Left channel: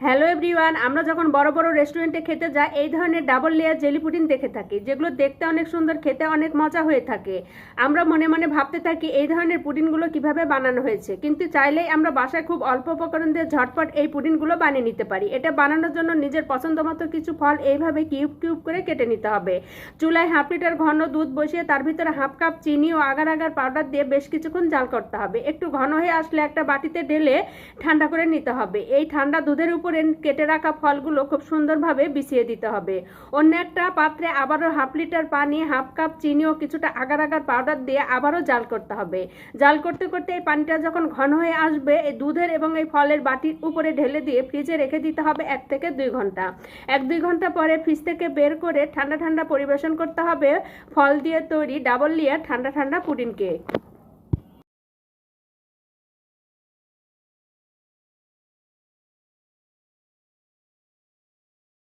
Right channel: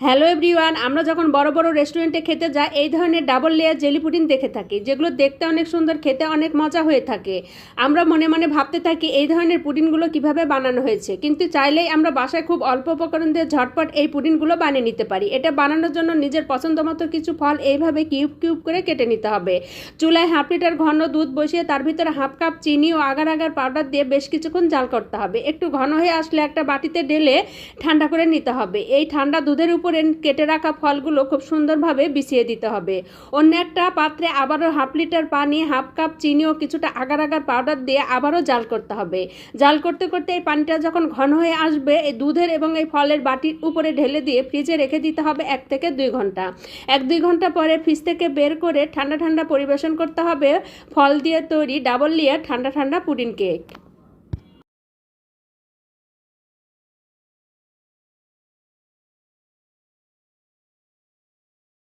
Hello everyone, আমরা যখন বড় বড় রেস্টুরেন্টে খেতে যাই, এই ধরনের ডাবল লেয়ার জেলি পুডিং দেখে থাকি, যেগুলো দেখতে অনেক সুন্দর, খেতে অনেক মজা হয়ে থাকে। আমরা মনে মনে ভাবতে থাকি এই ধরনের পুডিংগুলো কীভাবে বানানো হয়েছে, কিন্তু চাইলেই আমরা বাসায় খুব অল্প উপকরণ দিয়ে ঝটপট এই পুডিংগুলো বানিয়ে নিতে পারি। এটা বানানোর জন্য নিজের পছন্দ মতো কিছু ফল এইভাবে কিউব কিউব করে কেটে নিতে হবে। চুলায় হাফ লিটার ঘন দুধ বসিয়ে তার ভিতরে হাফ কাপ চিনি ও আগার আগার পাউডার দিয়ে বেশ কিছুক্ষণ জাল করতে হবে। একটু ঘন হয়ে আসলে একটা বাটিতে ঢেলে ঠান্ডা করে নিতে হবে। এই ঠান্ডা দুধের উপরে কেটে রাখা ফলগুলো খুব সুন্দরভাবে বিছিয়ে দিতে হবে। অন্য একটা পাত্রে আবারও হাফ লিটার পানি, হাফ কাপ চিনি ও কিছুটা আগার আগার পাউডার দিয়ে আবারও জাল করতে হবে। জাল করতে করতে এই পানিটা যখন ঘন হয়ে আসবে, এই দুধের এবং এই ফলের বাটির উপরে ঢেলে দিয়ে ফ্রিজে রেখে দিতে হবে এক থেকে দুই ঘণ্টা। এক দুই ঘণ্টা পরে ফ্রিজ থেকে বের করে ঠান্ডা ঠান্ডা পরিবেশন করতে হবে। ফল দিয়ে তৈরি ডাবল লেয়ার ঠান্ডা ঠান্ডা পুডিং কেক।